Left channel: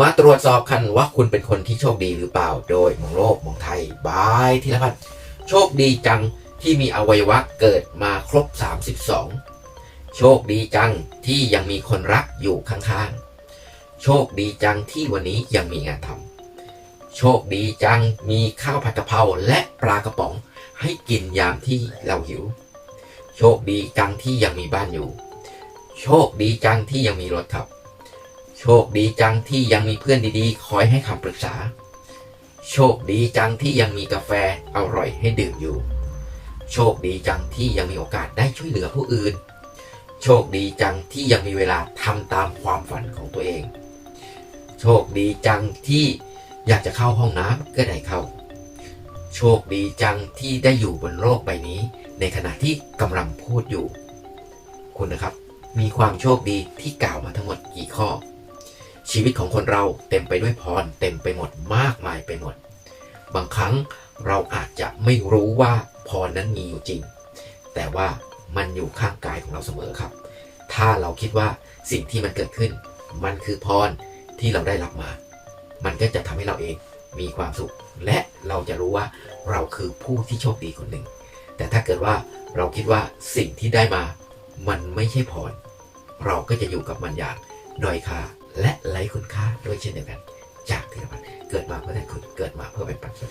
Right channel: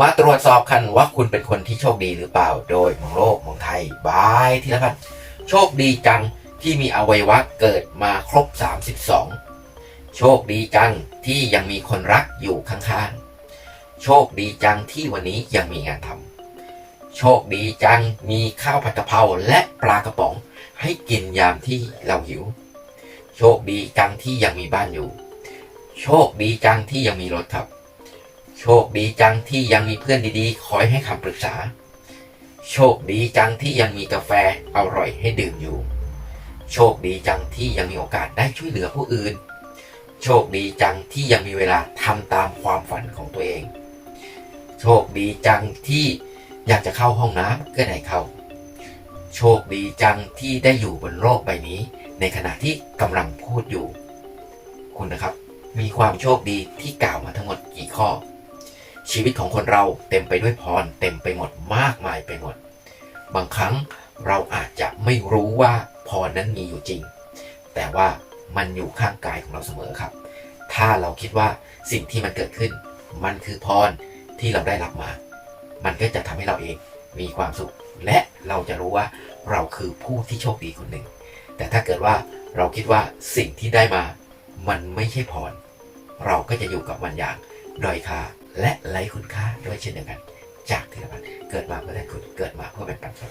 มาตรวจสอบกันว่าคุณเป็นคนที่โชคดีหรือเปล่า โดยมองโลกมองไทยบายที่แล้วกันโชคดีจังที่มีอวัยวะเกิดมาครบ 32 โชคดีจังที่ยังมีคนรักอยู่ข้างๆ โชคดีจังที่วันนี้ยังมีงานทำ โชคดีจังมีข้าวผัดกะเพราและปลากระป๋องให้กินยามที่เราหิว โชคดีจังที่ยังมีบ้านอยู่ โชคดีจังที่ยังมีรถขับ โชคดีจังที่ยังมีเพื่อนดีๆ คอยให้คำปรึกษา โชคดีจังที่ยังมีกาแฟอร่อยให้ดื่มอยู่ โชคดีจังที่ยังมีโอกาสได้ช่วยเหลือผู้อื่น โชคดีจังที่ยังมีเวลาทำตามความฝันของตัวเอง โชคดีจังที่อยากจะเข้าห้องน้ำก็ได้เข้า โชคดีจังที่ได้อยู่บนโลกใบนี้ ในขณะที่กำลังพูดอยู่ คุณนะครับ มีความโชคดีที่กล่าวมาทั้งหมดกี่ข้อ ชีวิตของคนเราเต็มไปด้วยพรเต็มไปหมดมากมายไปหมด บางครั้งเราอาจจะไม่รู้ว่าพรนั้นมีอยู่จริง แต่ว่ามันอยู่ข้างกายของเราเสมอครับ ถ้าเราคิดว่าสิ่งที่มันเกิดขึ้น มันคือพรที่เราได้รับมา มันก็จะทำให้เราเองมีความสุข และเราจะรู้ว่าเราคือผู้ที่โชคดีคนหนึ่ง แต่ถ้าเกิดว่าเราคิดว่าสิ่งที่ได้มา มันไม่ใช่พร เราก็จะอยู่กับมันอย่างด้อยค่า และไร้คุณค่าด้วยเช่นเดียวกัน จากที่เราเกิดมาเพื่อได้คุณเกิดมาเพื่อเป็นปัจจัย